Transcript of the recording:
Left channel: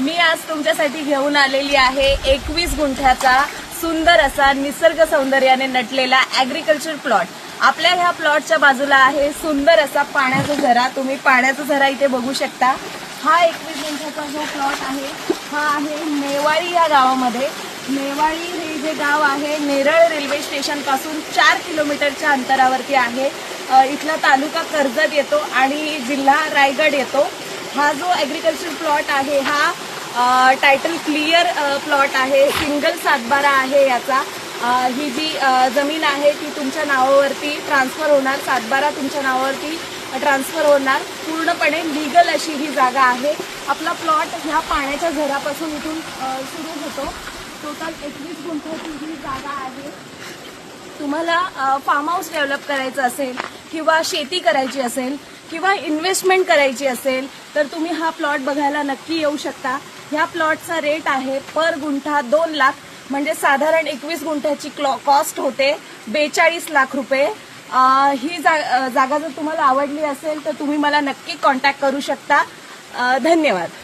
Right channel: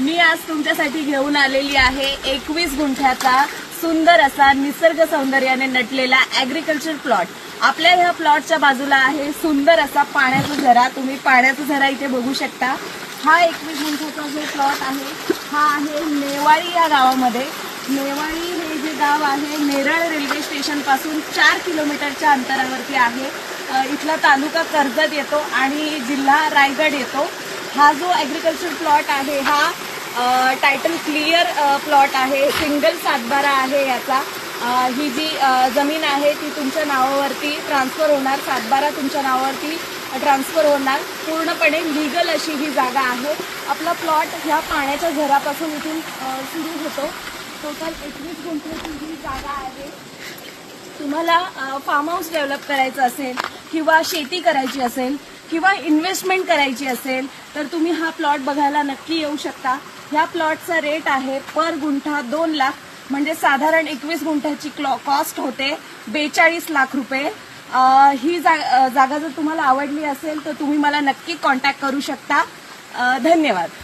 मी आज तुमच्यासाठी घेऊन आलेली आहे 21 गुंठ्याचा सुंदर असा निसर्ग सौंदर्याने नटलेला ऍग्रीकल्चर प्लॉट। आपल्या ह्या प्लॉटच्या बाजूला आहे सुंदर असा पाण्याचा झरा। तुम्ही पाण्याचा झरा इथे बघू शकता। हा 21 गुंठ्याचा जो प्लॉट आहे हा आहे नेवाळी या गावामध्ये। नेवाळी हे जे गाव आहे नेरळ रेल्वे स्टेशन पासून 4 किलोमीटरच्या अंतरावरती आहे। इथला तालुका कर्जत येतो आणि जिल्हा रायगड येतो। हा जो ऍग्रीकल्चर प्लॉट आहे हा टायटल क्लिअर प्लॉट आहे, सिंगल सातबारा आहे याचा। ही जी जमीन आहे ती तुमच्या नावावरती ट्रान्सफर होणार, सातबारा तुमच्या नावावरती ट्रान्सफर होणार। पूर्णपणे लीगल अशी ही जागा आहे। आपला प्लॉट ह्या पाण्याच्या झऱ्यापासून इथून सुरू होतो। टोटल 21 गुंठ्याची ही जागा आहे। तुम्हाला फार्म हाऊस डेव्हलप करायचं असेल किंवा शेती करायची असेल किंवा इन्व्हेस्टमेंट करायची असेल तर तुम्ही हा प्लॉट बघायला नक्की येऊ शकता। ह्या प्लॉटचा रेट आहे पर गुंठा 2 लाख, म्हणजे साधारण 21 गुंठ्याची कॉस्ट होते 42 लाख रुपये। ही जागा जर तुम्हाला आवडली असेल तर तुम्ही मला नक्की कॉन्टॅक्ट करू शकता। धन्यवाद।